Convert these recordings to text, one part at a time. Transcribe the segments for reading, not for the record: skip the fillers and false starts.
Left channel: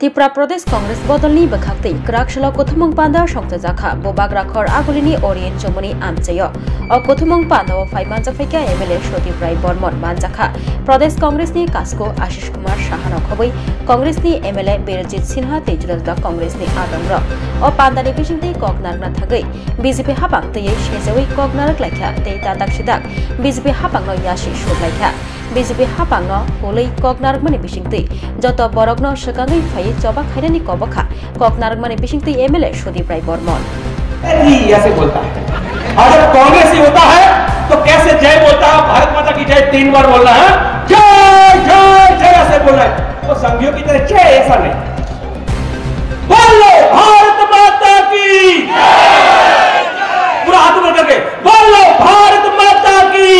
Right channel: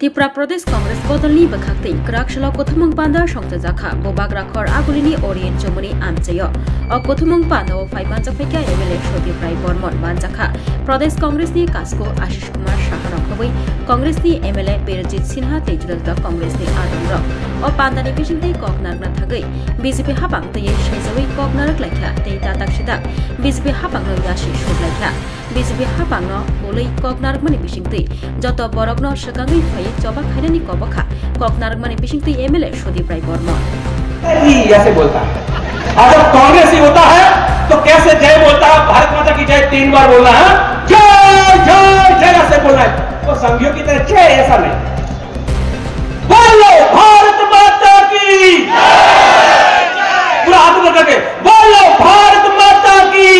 Tripura Pradesh Congress bodolni bakakti Krakshalo Kothumung Panda Shongta Zakha Bobak Rakhor Agulini Orient Chomoni Amchayo O Kothumung Panda o Fai Manjafeka MLA Shodi Prai Bormon Manjakha Pradesh Congress ni Kasko Ashish Kumar Shahano Khoboi Congress ni MLA Birjit Sinha Tejudal Congress ni Adamro O Panda ni Bishinti Koknar na Thagai BJP Hapang Te Shezawi Koknar Klaikha Te Tatak Shidak BJP Hapang no Yashi Shuklaikha BJP Hapang no Kolei Koknar Mani Bishingti Joto Borogno Shakangai Fai Joba Khairani Kobakha Koknar Mani Bishingti MLA Shodi Prai Bormon ऐसे बोलता है और जब कांग्रेस ही होता है तो कैसे जय बोलता है भारत माता की जय 3 बार बोलना है जय जय जय ऐसे बोलना है तो संघियों की तरह जय ऐसा नहीं बोलो भारत माता की पूरा हाथ में करके बोलो भारत माता की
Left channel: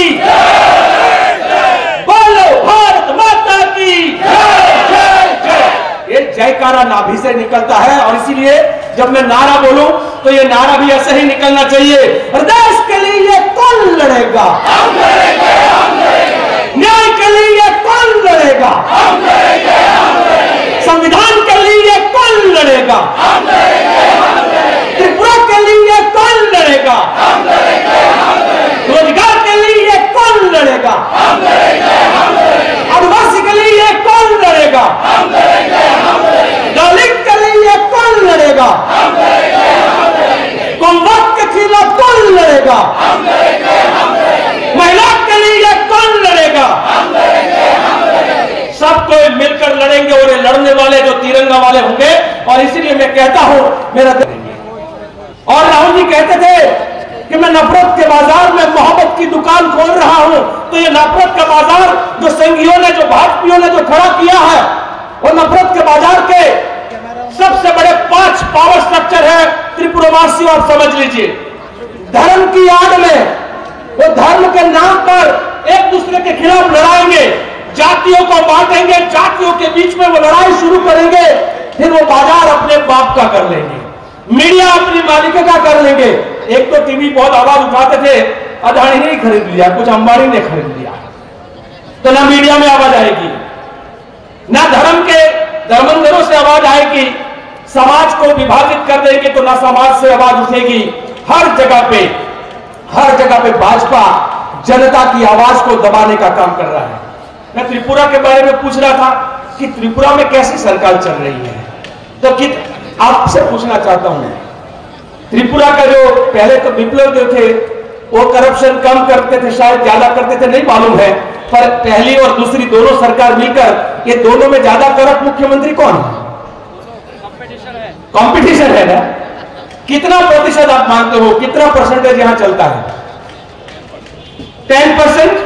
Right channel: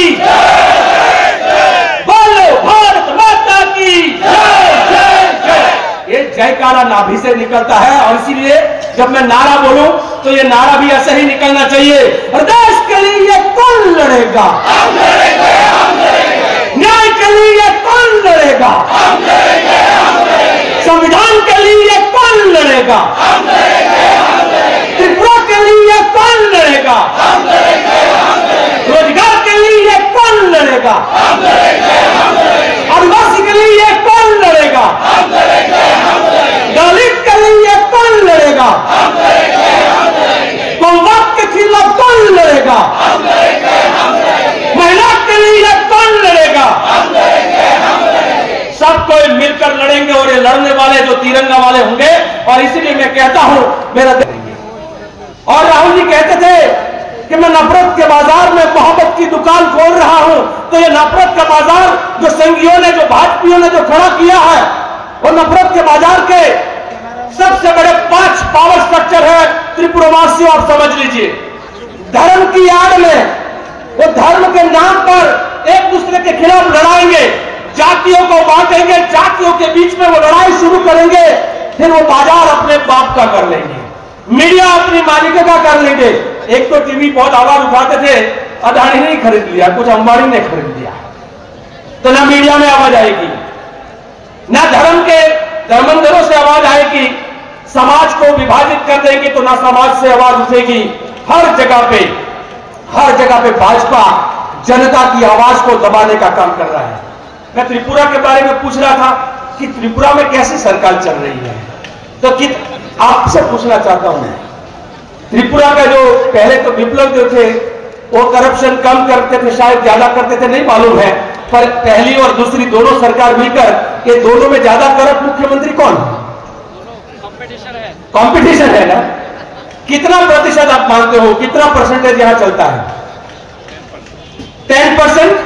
बोलो भारत माता की जय जय जय ये जयकारा नाभि से निकलता है और इसीलिए जब मैं नारा बोलूं तो ये नारा भी ऐसे ही निकलना चाहिए और देश के लिए कौन लड़ेगा हम लड़ेंगे न्याय के लिए कौन लड़ेगा हम लड़ेंगे संविधान के लिए कौन लड़ेगा हम लड़ेंगे त्रिपुरा के लिए कौन लड़ेगा हम लड़ेंगे रोजगार के लिए कौन लड़ेगा हम लड़ेंगे आदिवासी के लिए कौन लड़ेगा हम लड़ेंगे दलित के लिए कौन लड़ेगा हम लड़ेंगे के खिलाफ कौन लड़ेगा हम लड़ेंगे महिला के लिए कौन लड़ेगा हम लड़ेंगे सब कोई मिलकर लड़ेंगे और ये लड़ने वाले जो तिरंगा वाले होंगे और इसीलिए मैं कहता हूं मेरा और राहुल जी कहते थे कि मैं नफरत के बाजार में मोहब्बत की दुकान खोल रहा हूं तो ये नफरत का बाजार जो संघियों ने जो भाजपाइयों ने जो खड़ा किया है वो नफरत के बाजार के सबसे बड़े 5 पावर स्ट्रक्चर है त्रिपुरावासियों आप समझ लीजिए धर्म की आड़ में वो धर्म के नाम पर एक दूसरे के खिलाफ लड़ाएंगे जातियों को बांटेंगे जातियों के बीच में वो लड़ाई शुरू करेंगे फिर वो बाजार अपने बाप का कर लेंगे मीडिया अपनी मालिक का कर लेंगे एक तो टीवी बहुत आवाज उठाते थे अदानी ने खरीद लिया कुछ अंबानी ने खरीद लिया तो ना मीडिया में आवाज आएगी ना धर्म के धर्मांतरों से आवाज आएगी समाज को विभाजित कर देंगे तो ना समाज से आवाज उठेगी हर जगह पे भाजपा जनता की आवाज को दबाने का काम कर रहा है मैं त्रिपुरा के बारे में पूछ रहा था कि त्रिपुरा में कैसी सरकार चल रही है तो कि आपसे पूछना चाहता हूं त्रिपुरा का जो पहले तो विप्लव जो थे वो करप्शन कम करते थे शायद ज्यादा करते थे नहीं मालूम है पर पहली और दूसरी दोनों सरकार मिलकर ये दोनों में ज्यादा करप्ट मुख्यमंत्री कौन है कंपटीशन है ना कितना प्रतिशत आप मानते हो कितना परसेंटेज यहां चलता है 10%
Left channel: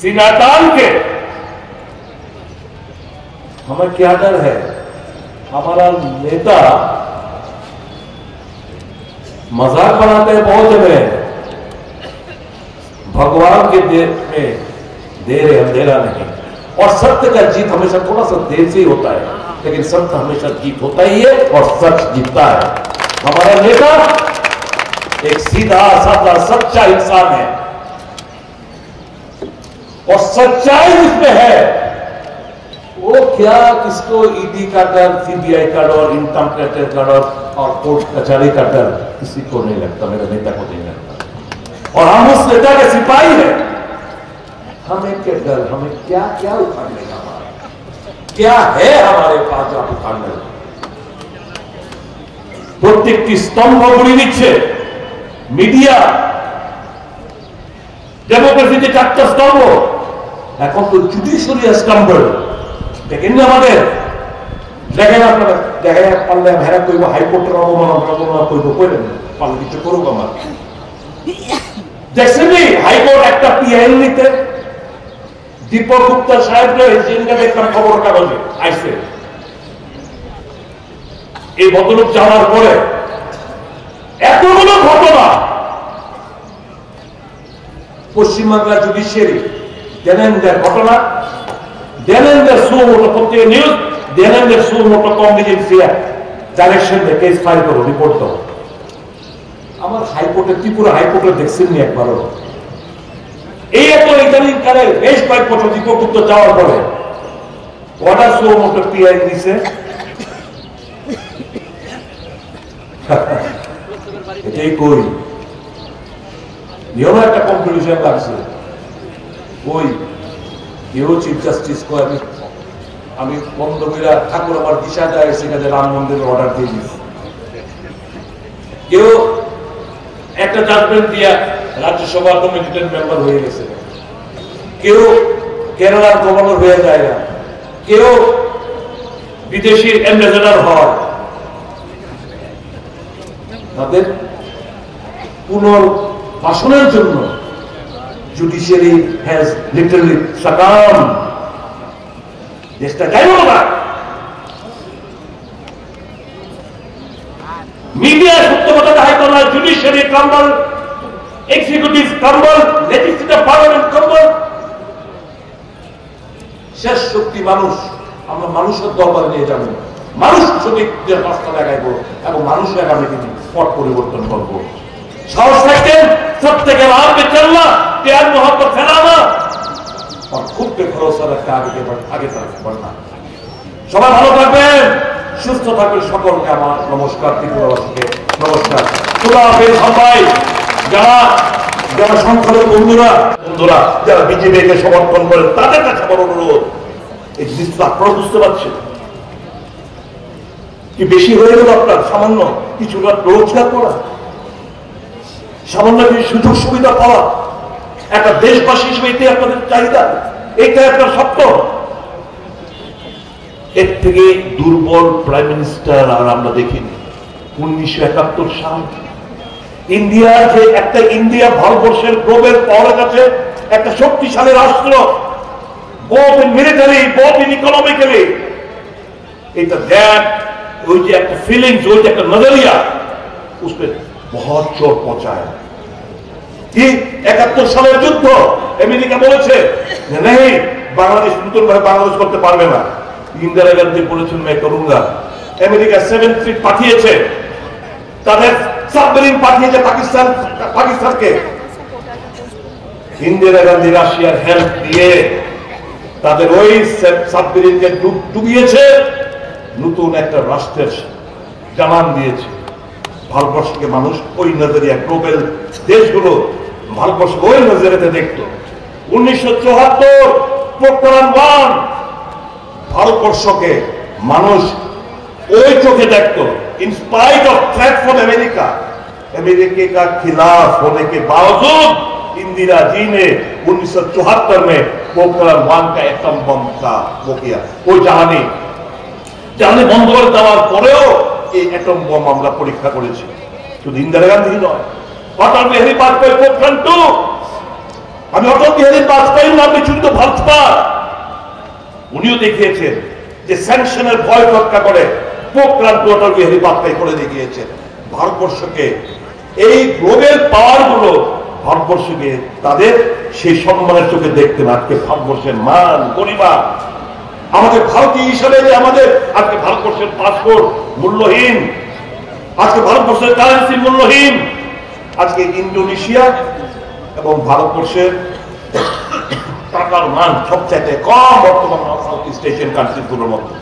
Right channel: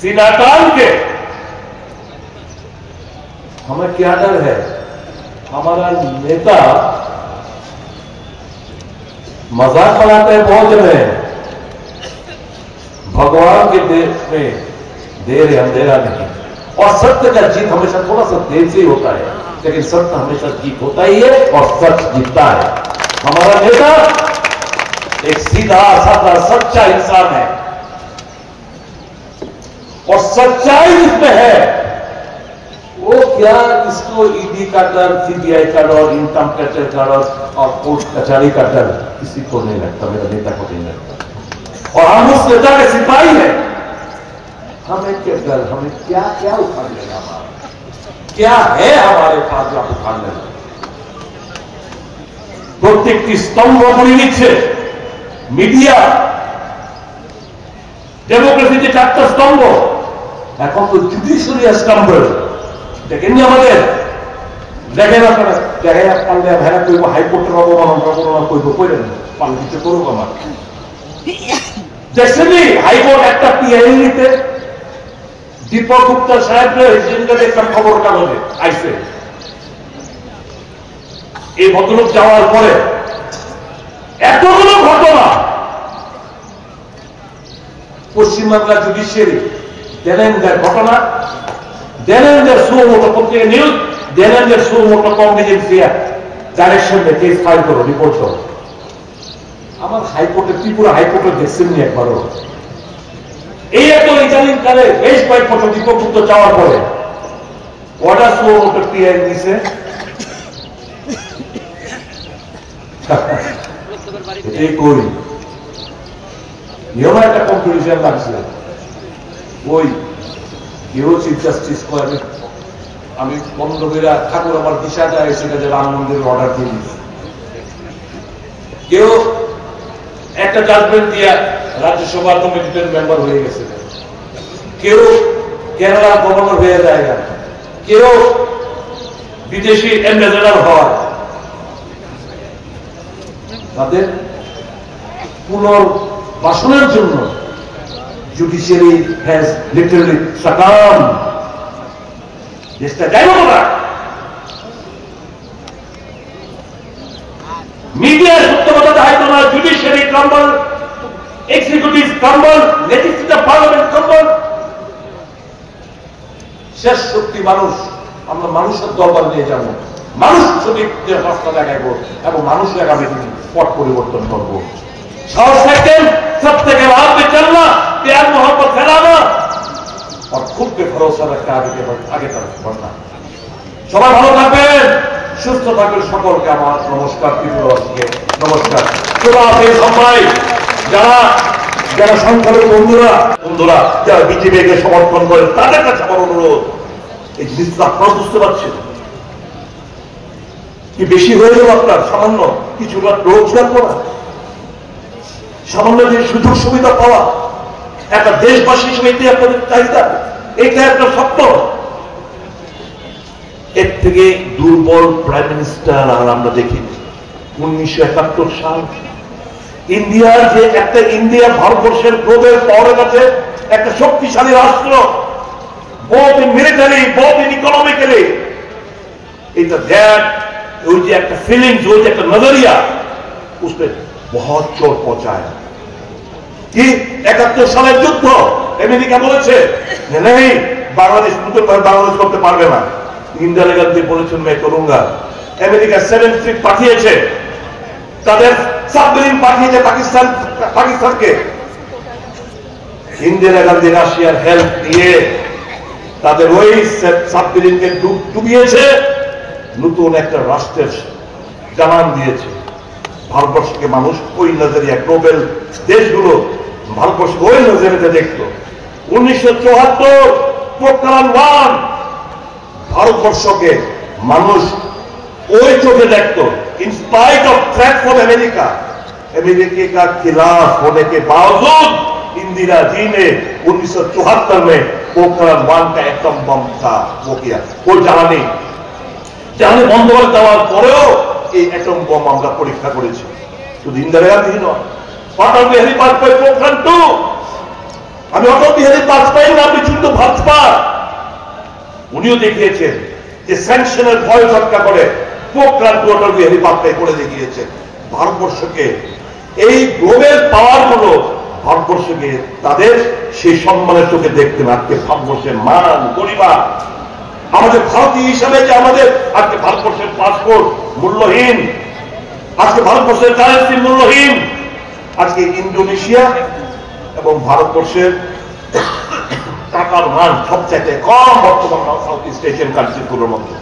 सीना तान के हमें क्या डर है हमारा नेता मजाक बनाते हैं बहुत जगह भगवान के देश में देर है अंधेरा नहीं और सत्य का जीत हमेशा थोड़ा सा देर से ही होता है लेकिन सत्य हमेशा जीत होता ही है और सच जीतता है हमारा नेता एक सीधा साधा सच्चा इंसान है और सच्चाई जिसमें है वो क्या किसको ईडी का डर सीबीआई का डर इनकम टैक्स का डर और कोर्ट कचहरी का डर किसी को नहीं लगता मेरे नेता को नहीं लगता और हम उस नेता के सिपाही हैं हमें क्या डर हमें क्या क्या उखाड़ने क्या है हमारे पास जो उखाड़ने প্রত্যেকটি স্তম্ভ গুলি নিচ্ছে মিডিয়া ডেমোক্রেসির যে 4টা স্তম্ভ এখন তো জুডিশিয়ারি স্ট্যাম্বল দেখেন যে আমাদের দেখেন আপনারা দেখেন পাল্লে ভেড়া করবো হাইকোর্টের অবমাননা করবো কইলেন পাল্লে কিছু করবো আমার দেখছেনি হাইকোর্ট একটা পিআইএল নিতে দীপক গুপ্তা সাহেব হিসেবে দেখলাম খবর কাগজে আইসে এই ভদ্রলোক যাওয়ার পরে এতগুলো ঘটনা পশ্চিমবাংলা জুডিশিয়ারি দেনেন্দ্রের ঘটনা দেনেন্দ্রের সুমোটো পত্রিকা নিউজ দেনেন্দ্রের সুমোটো কম্পিটেন্সি ডাইরেকশন में केस फाइल करो रिपोर्ट दो আমার হাইকোর্টে ত্রিপুরা হাইকোর্টে দেখছেন নি একবারও এই এত ইদানিং কালে বেশ প্রতিপক্ষ চাওয়ার পরে কটা স্লো মোটর পিআই দিছে এটাই কই এও একটা কনফিউশন লাগছে ওই কেউ চিফ জাস্টিস করে আমি বন্ধ করে ঠাকুর আমার দিশাটা এসে গেছে রাম মন্দিরের অর্ডার দিয়ে দিচ্ছি কেউ একটা জাজমেন্ট দিয়ে রাজ্যসভা কমিটির মেম্বার হয়ে গেছে কেউ কেরালার গভর্নর হয়ে যায় না কেউ বিদেশি অ্যাম্বাসেডর হয় তাদের পুনর্বাসনের জন্য জুডিশিয়ারি হ্যাজ লিটারালি সাকাম দেশটা যাইব না মিডিয়া সত্যতা দেখাইতো না judiciary crumble executive crumble legislative parliament crumble শেষ শক্তি মানুষ আমরা মানুষের দরবার নিয়ে যাবো মানুষ সঠিকদের রাস্তা দেখাইবো এবং মানুষের আগামী দিনে পথ পরিবর্তন করবো साहस सेकंड सबसे राह पे चलना प्यार मोहब्बत फैलाना और खुद पे भरोसा रखकर आगे तरफ बढ़ना সবাই ভালো থাকবেন সুস্থ থাকবেন সকলকে আমার নমস্কার ত্রিপুরাবাসীকে নমস্কার খোদা হাফেজ সবাই যারা যারা সংখ্যালঘু বন্ধুরা যারা বিজেপিকে সমর্থন করেন তাদের কাছে আমার অনুরোধ এই জিনিসটা আপনারা বুঝতে পারছেন কি বেশি হয়ে গেল আপনার সামান্য কিছু রোজগার করা সামান্য সুযোগ সুবিধা পাওয়া একটা দেশবাসী হিসেবে এটাই আপনাদের চাহিদা এটা একটা স্বপ্ন এর থেকে দুর্বল প্রাইম মিনিস্টার আর আমরা দেখিনি 1971 সাল ইন্ডিয়ার যে একটা ইন্ডিয়া ভারতবর্ষের গ্লোবাল পাওয়ারের কাছে একটা শক্তিশালী রাষ্ট্র both in military both in economically এটা দ্যাট ওই যে একটা ফিলিংস ওই যে একটা নজরিয়া उसपे बहुत चोट पहुंचाया कि 71 সালের যুদ্ধ আমেরিকা বলেছে नहीं বাংলাদেশ নতুন ভাবে বাংলাদেশ করতে পারবে না ইন্দিরা গান্ধী বলেছেন मैं करूंगा আমেরিকা 7 ফ্লিট পাঠিয়েছে তাদের সাবমেরিন পাঠিয়েছে পাকিস্তানকে ইন্দিরা গান্ধী রাশিয়ার হেল্প দিয়ে তাদের ওই সাবমেরিনকে ডুবিয়েছে নতুন একটা রাষ্ট্রের জানান দিয়েছে ভারতবর্ষকে মানুষ ওই নজরিয়া গ্লোবাল দেশগুলো ভারতবর্ষকে ওই নজরিয়াতে দেখত 1974 পোখরান 1 ভারতবর্ষকে মানুষ ওই চোখে देखतो in spite of threat from America America का खिलाफ होने के बावजूद इंदिरा जी ने 1974 में पोखरान 1 का एटम बम का वो किया वो जाने बंद कर देওয়ার পরেও এই এটম বম আমরা পরীক্ষা করেছি শুধু ইন্দিরা গান্ধী নয় অটল বিহারী বাজপেয়ী পোখরান 2 আমি অটল বিহারী বাজপেয়ীর নাম বিচুরিত ভাজপা উনিও দেখিয়েছেন যে স্যাংশনের ভয় ভটকা করে পোখরান 2 অটল বিহারী বাজপেয়ী করে দেখিয়েছেন ভারতবর্ষকে এই গ্লোবাল পাওয়ার গুলো ভারতবর্ষকে তাদের সেই সম্মানের চোখে দেখতে না আজকে ভারতবর্ষের মান গরিমা আমাদের ভারতীয় হিসাবে যে আমাদের আজকে ভারতবর্ষের পাসপোর্ট মূল্যহীন আজকে ভারতবর্ষের কারেন্সি মূল্যহীন আজকে ইন্দোনেশিয়া এবং ভারতবর্ষের টাকার মান সবচাইতে কম বর্তমান সাউথ ইস্ট এশিয়ান কান্ট্রিগুলোর মধ্যে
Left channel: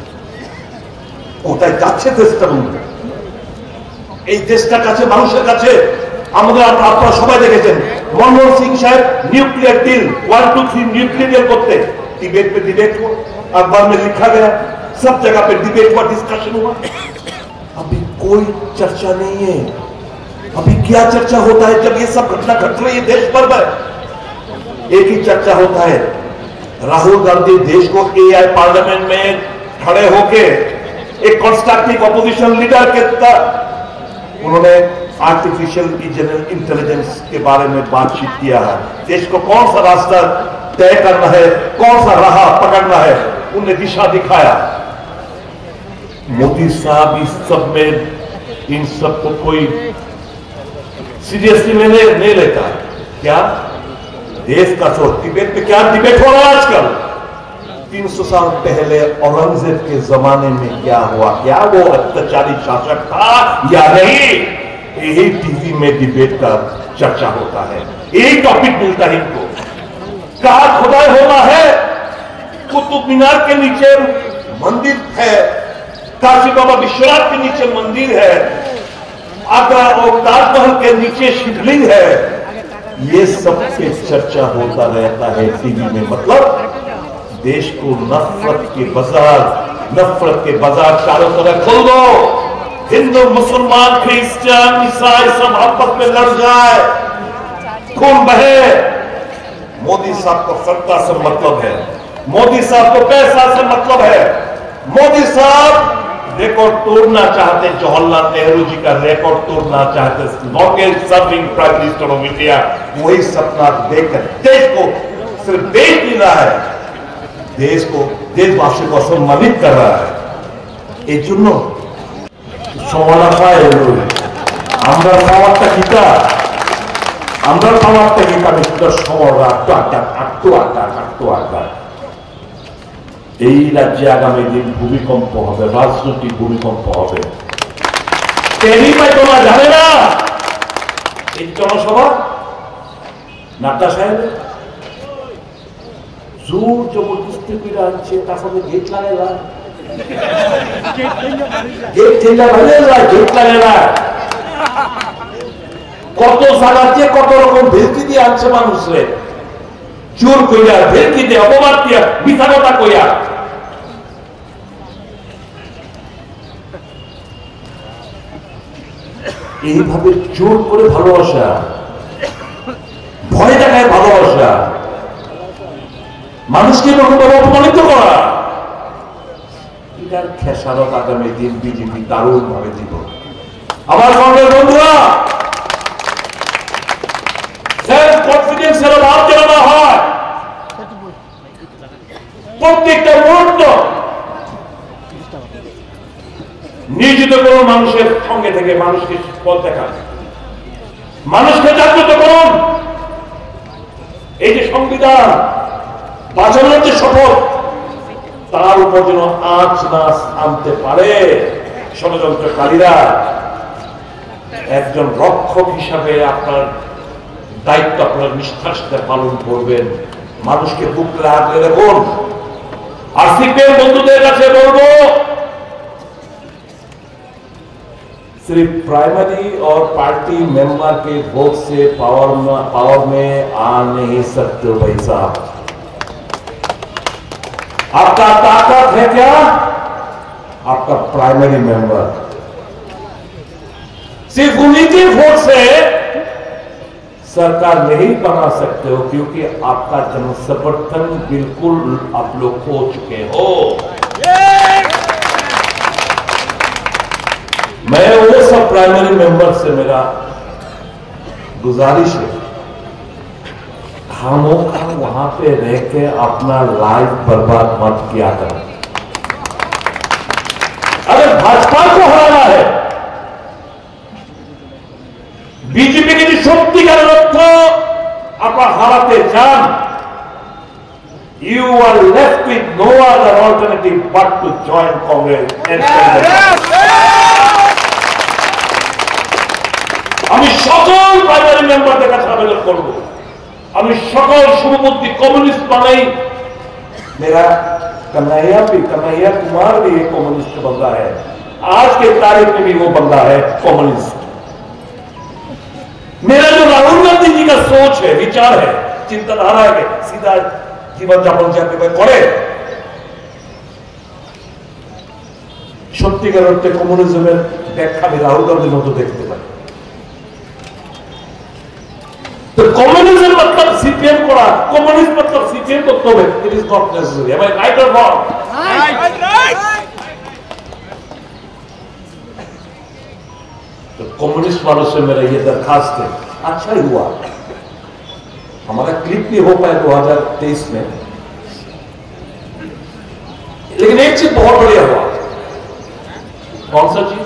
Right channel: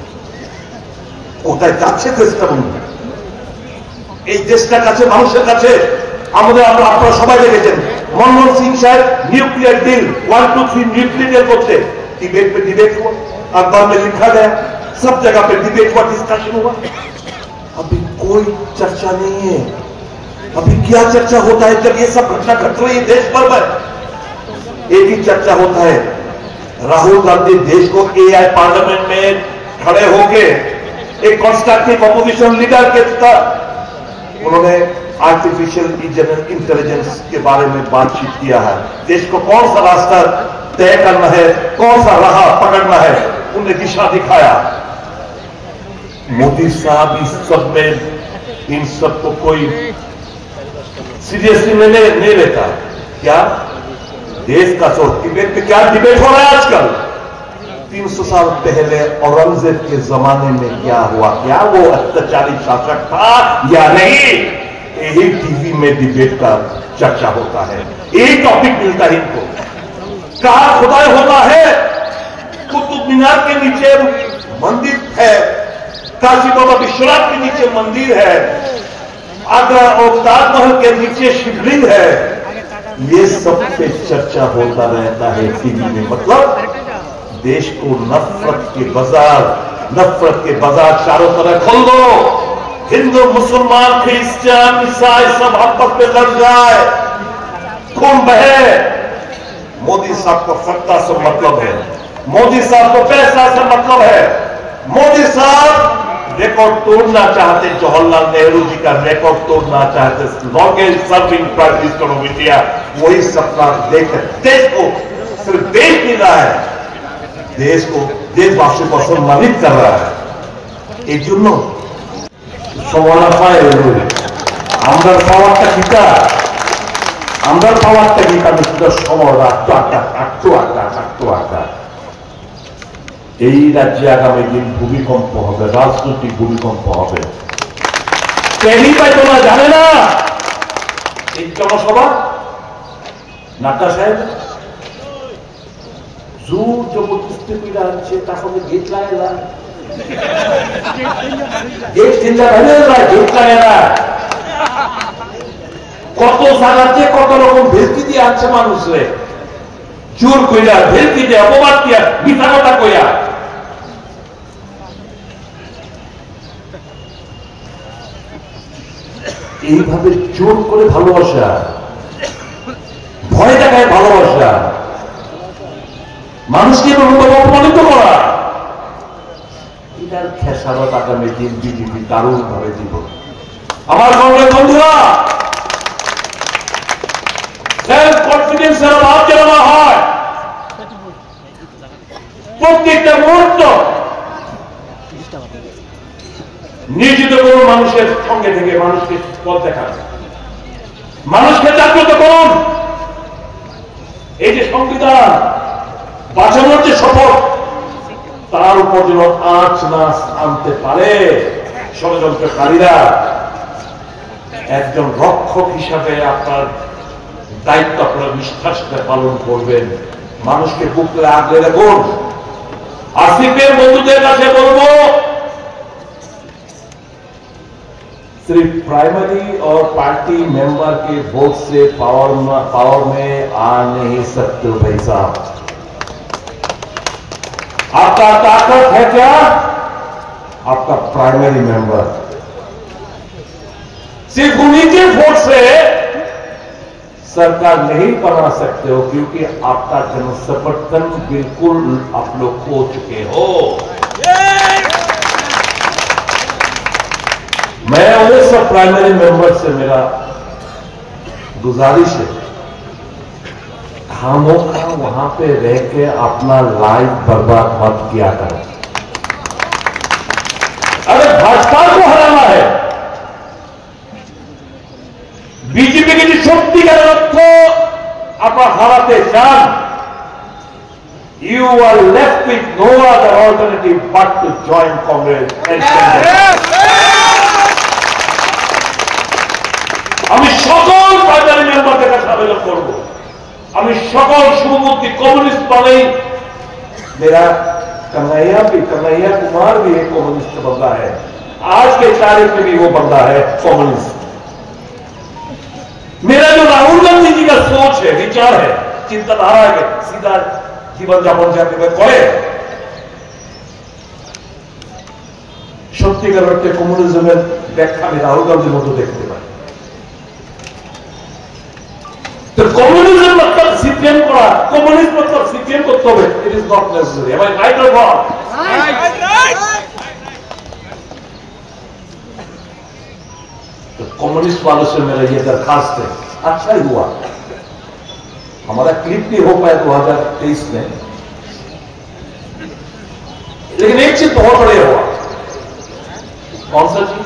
কোথায় যাচ্ছে দেশটা বন্ধু এই দেশটার কাছে মানুষের কাছে আমাদের আপনারা সবাই দেখেছেন মনমোহন সিং সাহেব নিউক্লিয়ার ডিল 1 2 3 নিউক্লিয়ার ডিল করতে डिबेट पे डिबेट हुआ अखबार में लिखा गया सब जगह पे डिबेट हुआ डिस्कशन हुआ अभी कोई चर्चा नहीं है अभी क्या चर्चा होता है जब ये सब घटना घट रही है देश भर में एक ही चर्चा होता है राहुल गांधी देश को एआई पार्लियामेंट में खड़े होके एक कंस्ट्रक्टिव अपोजिशन लीडर के तरह उन्होंने आर्टिफिशियल इंटेलिजेंस के बारे में बातचीत किया है देश को कौन सा रास्ता तय करना है कौन सा राह पकड़ना है उन्हें दिशा दिखाया मोदी साहब इस सब में इन सब को कोई सीरियसली नहीं लेता क्या देश का सोच डिबेट पे क्या डिबेट हो रहा है आजकल 300 साल पहले औरंगजेब के जमाने में क्या हुआ क्या वो अत्याचारी शासक था या नहीं यही टीवी में डिबेट का चर्चा होता है एक टॉपिक मिलता है इनको कहा खुदा होता है मीनार के नीचे मंदिर है, काशी बाबा विश्वनाथ के नीचे मंदिर है, आगरा और ताजमहल के नीचे शिवलिंग है। ये सब पे चर्चा होता रहता है टीवी में। मतलब देश को नफरत के बाजार चारों तरफ खोल दो। हिंदू, मुसलमान, क्रिश्चियन, ईसाई सब आपस में लड़ जाए, खून बहे। मोदी साहब को सत्ता से मतलब है, मोदी साहब को पैसा से मतलब है। मोदी साहब रिकॉर्ड तोड़ना चाहते, जवाहरलाल नेहरू जी का रिकॉर्ड तोड़ना चाहते, longest serving prime minister of India. वही सपना देखकर देश को सिर्फ देश नहीं रहा है, देश को, देशवासियों को सम्मानित कर रहा है। एक জন্য সমালা পায় আমরা সমাজটা কিটা মিস্টার সমর আটটা এই রাজ্যে আগামী দিন ভূমিকম্প হবে, রাজনৈতিক ভূমিকম্প হবে। টেলি পাই তোমরা জানে না এই জনসভা নাট্টা সাহেব জোর জবরদস্তি করে আনছে, তারপরে গেট লাগায় না, গেট চেঞ্জার হলে গেট লাগায় না। কত জায়গাতে কত রকম ভেলকি দিয়ে আনছে মানুষরে, জোর কইরা ভেলকি দিয়ে অপবাদ দিয়া মিথ্যা কথা কইয়া। এইভাবে জোর করে ভালোবাসা, ভয় দেখায় ভালোবাসা, মানুষকে অপমানিত করা, এটার খেসারত আগামী দিন বিজেপি দারুণ ভাবে দিব। আমার কংগ্রেস বন্ধুরা, সেলফ কনফিডেন্সের অভাব যেন না হয়। প্রত্যেকটা মুহূর্ত নিয়োজিত করুন মানুষের সঙ্গে থেকে, মানুষকে পথ দেখান, মানুষকে জাগ্রত করুন। এই যে সংবিধান বাঁচানোর যে শপথ, তার উপর যেন আঁচ না আনতে পারে ষড়যন্ত্রকারীরা। একজন রক্ষক হিসাবে আপনার দায়িত্ব আপনারা নিষ্ঠার সাথে পালন করবেন, মানুষকে বুকে আগলে রাখুন। আসিফের বন্ধুদের কাছে বলবো, सिर्फ प्राइमरी और पार्टी मेंबर के वोट से पावर में आ नहीं सकते भाई साहब। आपका ताकत है क्या? आपका प्राइमरी मेंबर। सिर्फ उन्हीं के वोट से सरकार नहीं बना सकते हो, क्योंकि आपका जनसमर्थन बिल्कुल आप लोग खो चुके हो। मैं वो सब प्राइमरी मेंबर से मेरा गुजारिश है, खामोखा वहां पे रह के अपना लाइफ बर्बाद मत किया करो। अगर भाजपा को हराना है, बीजेपी के जो सत्यिकार अर्थ अपना हराते जान, you are left with no other alternative but to join Congress and আমি সকল প্রাইমারি মেম্বারদের কাছে আবেদন করবো, আমি সকল শুভবুদ্ধি कम्युनिस्ट माने मेरा कन्हैया कुमार भी एक कम्युनिस्ट बंदा है, आज के तारीख में भी वो बंदा है कम्युनिस्ट। मेरा जो राहुल गांधी जी का सोच है, विचार है, चिंताधारा है, सीधा जीवन যাপন যাতে করে, সত্যিকার অর্থে কমিউনিজমের ব্যাখ্যা আমি রাহুল গান্ধীর মতো দেখতে পাই। तो कम्युनिज्म मतलब सीपीएम करा, कम्युनिस्ट मतलब सीपीएम करते हुए, it is not necessary. am I right or wrong? तो कम्युनिस्ट वालों से मेरा ये दरखास्त है, अच्छा ही हुआ हमारा क्लिप भी हो पाया 2023 में, लेकिन एक चीज बहुत बढ़िया हुआ। कौन सा चीज?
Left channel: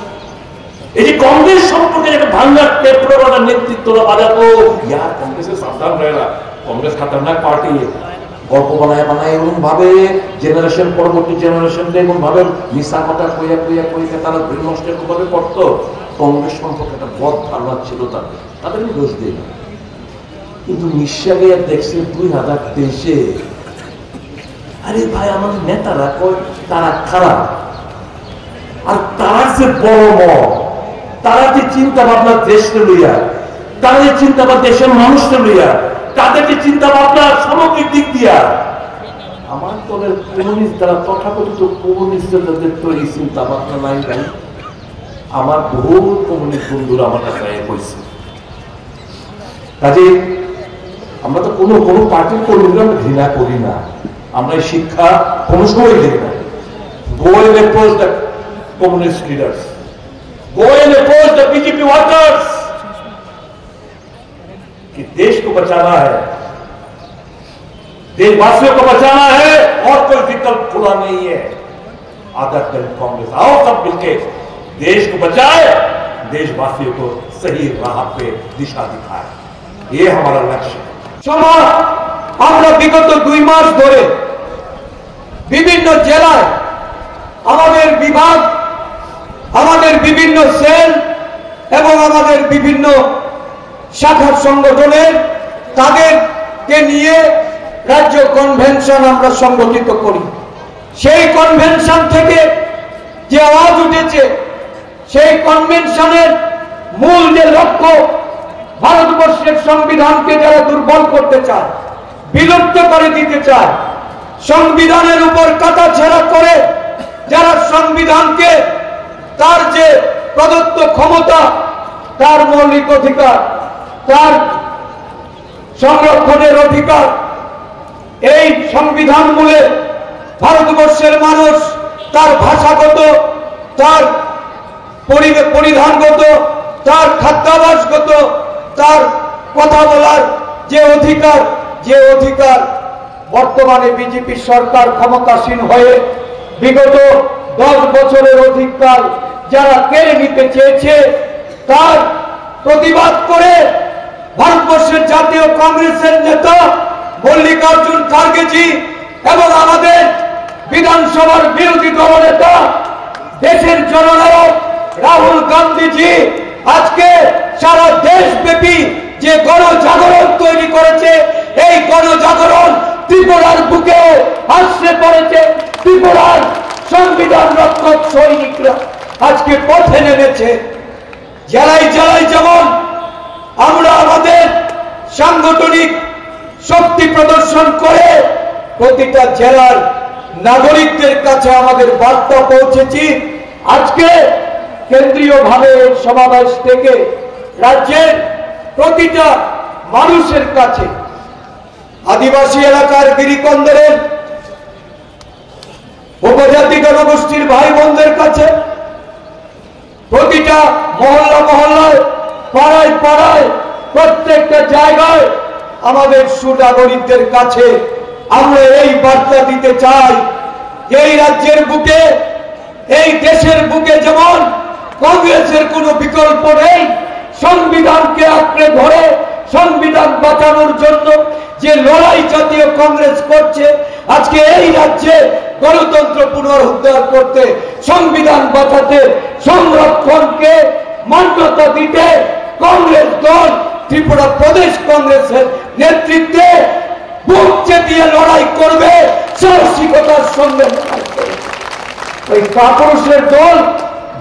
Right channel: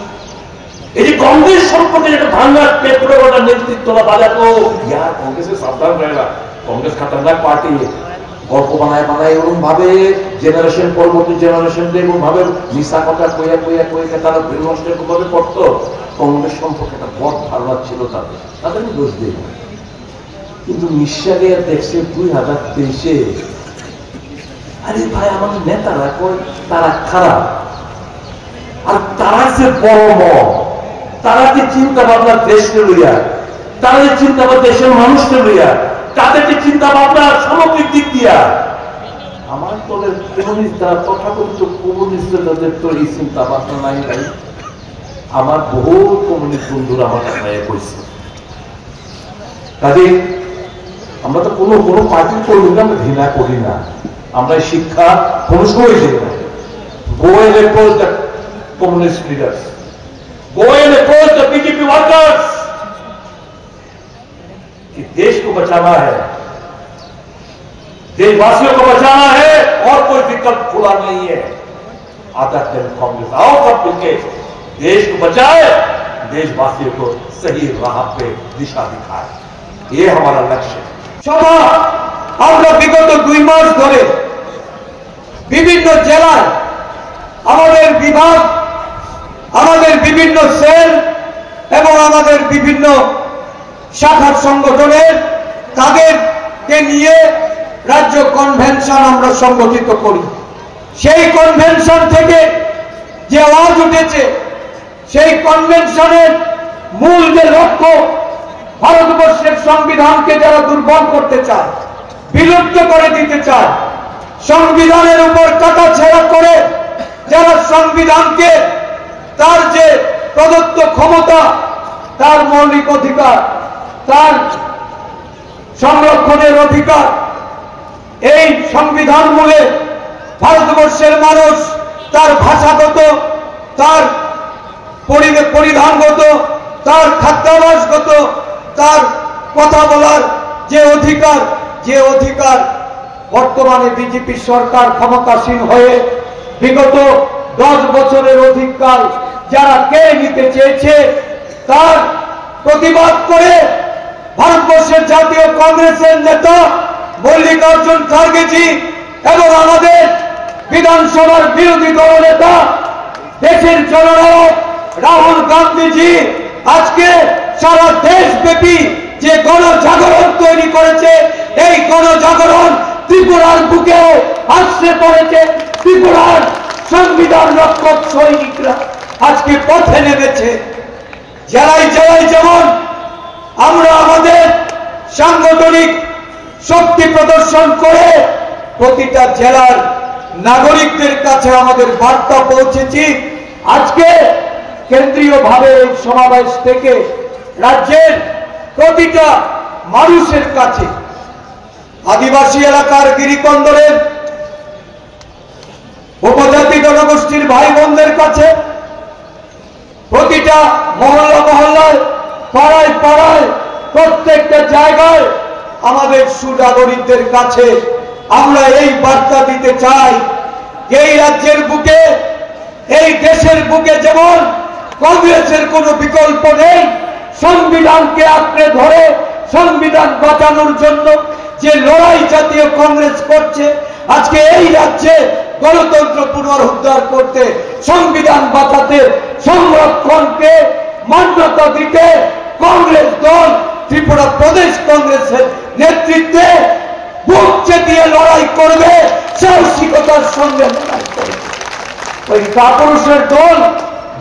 ये कांग्रेस সম্পর্কে একটা ভাঙা টেপটা নেতৃত্বরা বাজাতো, ইয়া কংগ্রেসের সাবধান रहेगा, কংগ্রেস खतरनाक পার্টি, গল্প বানায় এমন ভাবে জেনারেশন পরবর্তী জেনারেশন এমন ভাবে মিশা কথা কইয়া তারা বিনষ্টের ভাবে করতো। কংগ্রেস সম্পর্কে একটা বড় ধারণা ছিল তাদের দোষ দিই না, কিন্তু নিঃশ্বাসে দেখছে 2023-এ আরে ভাই আমার নেতারা কই তারা খারাপ, আর তারা যে বড় তারা যে চিন্তা ভাবনা দেশকে লইয়া, তারা যে চিন্তা ভাবনা দেশের মানুষকে লইয়া, তাদের যে চিন্তা ভাবনা সামগ্রিক দিক দিয়া, আমার দলের কমিউনিস্ট দ্বারা তথাকথিত কমিউনিস্টদের তাদের তো এই চিন্তা ভাবনা নাই নাই। আমার বহু কমিউনিস্ট বন্ধুরা আমার কাছে কইছে, কাজে আমরা তো কোনো পার্টির কর্মীরা আমরা ঘৃণা করি না, আমরা শিক্ষা কোনো সময় দিই না। Go and approach the communist leaders. Go and approach the BJP workers. कि देश को बचाना है, देशवासियों को बचाना है, और कोई विकल्प खुला नहीं है। आदर्श कांग्रेस आओ सब मिलकर देश को बचाए, देशवासियों को सही राह पे दिशा दिखाए, ये हमारा लक्ष्य है। আমরা বিগত 2 মাস ধরে বিভিন্ন জেলার আমাদের বিভাগ, আমাদের বিভিন্ন সেল এবং আমাদের বিভিন্ন শাখা সংগঠনের তাদেরকে নিয়ে রাজ্য কনভেনশন আমরা সংগঠিত করি। সেই কনভেনশন থেকে যে আওয়াজ উঠেছে, সেই কনভেনশনের মূল যে লক্ষ্য, ভারতবর্ষের সংবিধানকে যারা দুর্বল করতে চায়, বিলুপ্ত করে দিতে চায়, সংবিধানের উপর কাটাছেঁড়া করে যারা সংবিধানকে তার যে প্রদত্ত ক্ষমতা, তার মৌলিক অধিকার, তার সংরক্ষণের অধিকার, এই সংবিধান মূলে ভারতবর্ষের মানুষ তার ভাষাগত, তার পরিধানগত, তার খাদ্যাভ্যাসগত, তার কথা বলার যে অধিকার বর্তমানে বিজেপি সরকার ক্ষমতাসীন হয়ে বিগত 10 বছরের অধিকার যারা কেড়ে নিতে চেয়েছে, তার প্রতিবাদ করে ভারতবর্ষের জাতীয় কংগ্রেসের নেতা মল্লিকার্জুন খার্গেজি এবং আমাদের বিধানসভার বিরোধী দলনেতা দেশের জননায়ক রাহুল গান্ধীজি আজকে সারা দেশব্যাপী যে গণজাগরণ তৈরি করেছে, এই গণজাগরণ ত্রিপুরার বুকে আশ্রে পড়েছে। ত্রিপুরার সংবিধান রক্ষক সৈনিকরা আজকে পথে নেমেছে। জেলায় জেলায় যেমন আমরা আমাদের সাংগঠনিক শক্তি প্রদর্শন করে প্রতিটা জেলার নাগরিকদের কাছে আমাদের বার্তা পৌঁছেছি, আজকে কেন্দ্রীয়ভাবে এই সমাবেশ থেকে রাজ্যের প্রতিটা মানুষের কাছে, আদিবাসী এলাকার গিরিকন্দরের উপজাতি জনগোষ্ঠীর ভাই বোনদের কাছে, প্রতিটা মহল্লায়, পাড়ায় পাড়ায়, প্রত্যেকটা জায়গায় আমাদের সুনাগরিকদের কাছে আমরা এই বার্তা দিতে চাই, এই রাজ্যের বুকে, এই দেশের বুকে যেমন কংগ্রেসের কোনো বিকল্প নেই, সংবিধানকে আঁকড়ে ধরে সংবিধান বাঁচানোর জন্য যে লড়াই জাতীয় কংগ্রেস করছে, আজকে এই রাজ্যে গণতন্ত্র পুনরুদ্ধার করতে, সংবিধান বাঁচাতে, সংরক্ষণকে মান্যতা দিতে কংগ্রেস দল ত্রিপুরা প্রদেশ কংগ্রেসের নেতৃত্বে বুক চেতিয়ে লড়াই করবে, সাহসিকতার সঙ্গে লড়াই করবে। ওই কাপুরুষের দল,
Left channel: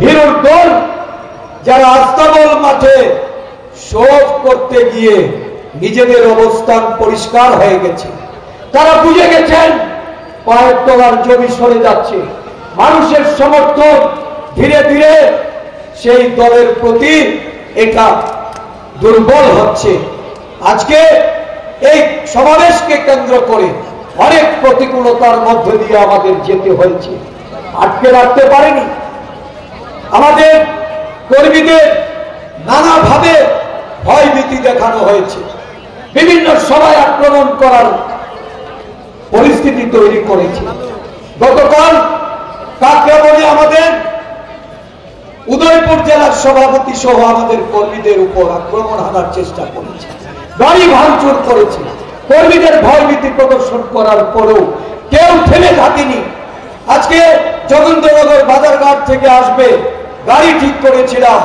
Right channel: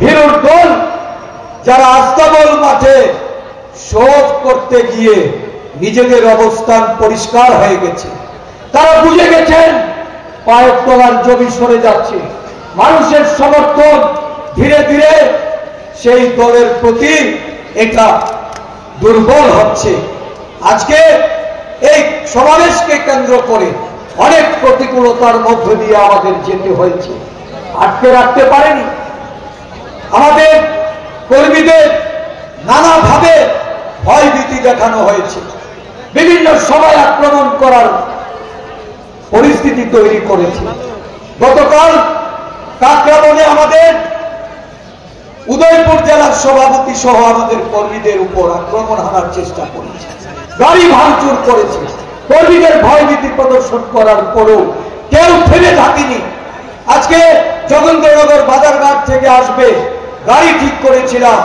ভীরুর দল যারা আস্তাবল মাঠে শোধ করতে গিয়ে নিজেদের অবস্থান পরিষ্কার হয়ে গেছে, তারা বুঝে গেছেন পায়ের তলার জমি সরে যাচ্ছে, মানুষের সমর্থন ধীরে ধীরে সেই দলের প্রতি এটা দুর্বল হচ্ছে। আজকে এই সমাবেশকে কেন্দ্র করে অনেক প্রতিকূলতার মধ্যে দিয়ে আমাদের যেতে হয়েছে, আটকে রাখতে পারেনি। আমাদের কর্মীদের নানাভাবে ভয়ভীতি দেখানো হয়েছে, বিভিন্ন সভায় আক্রমণ করার পরিস্থিতি তৈরি করেছে। গতকাল কাকরাবনে আমাদের উদয়পুর জেলার সভাপতি সহ আমাদের কর্মীদের উপর আক্রমণ হানার চেষ্টা করেছে, গাড়ি ভাঙচুর করেছে। কর্মীদের ভয়ভীতি প্রদর্শন করার পরেও কেউ থেমে থাকেনি। আজকে যোগেন্দ্রনগর বাজারঘাট থেকে আসবে গাড়ি ঠিক করেছিলাম,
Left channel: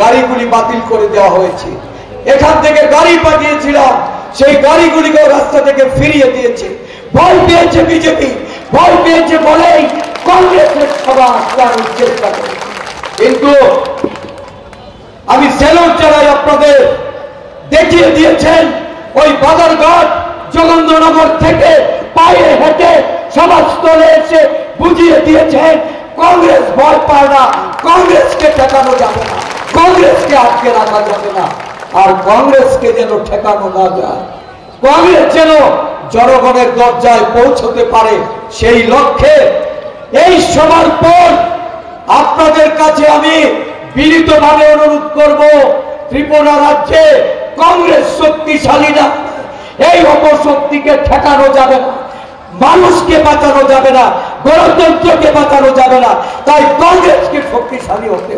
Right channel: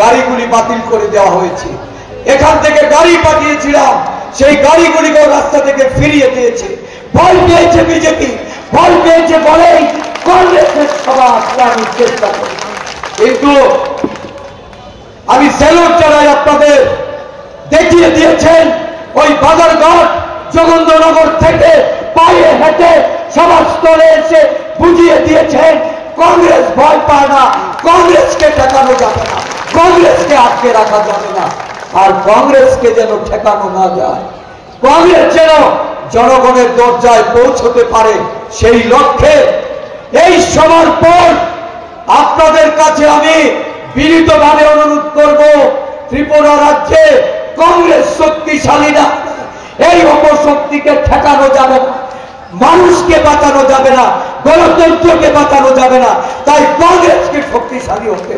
গাড়িগুলি বাতিল করে দেওয়া হয়েছে। এখান থেকে গাড়ি পাঠিয়েছিলাম, সেই গাড়িগুলিকে রাস্তা থেকে ফিরিয়ে দিয়েছে। ভয় পেয়েছে বিজেপি, পেয়েছে বলেই কংগ্রেসের সভা আটকানোর চেষ্টা করে। কিন্তু আমি স্যালুট জানাই, আপনাদের দেখিয়ে দিয়েছেন ওই বাজারঘাট জগেন্দ্রনগর থেকে পায়ে হেঁটে সভাস্থলে এসে বুঝিয়ে দিয়েছেন কংগ্রেস ভয় পায় না, কংগ্রেসকে ঠেকানো যাবে না, কংগ্রেসকে আটকে রাখা যাবে না। আর কংগ্রেসকে যেন ঠেকানো না যায়, কংগ্রেস যেন জনগণের দরজায় পৌঁছতে পারে, সেই লক্ষ্যে এই সভার পর আপনাদের কাছে আমি বিনীতভাবে অনুরোধ করব, ত্রিপুরা রাজ্যে কংগ্রেস শক্তিশালী না, এই অপশক্তিকে ঠেকানো যাবে না, মানুষকে বাঁচানো যাবে না, গণতন্ত্রকে বাঁচানো যাবে না, তাই কংগ্রেসকে শক্তিশালী হতে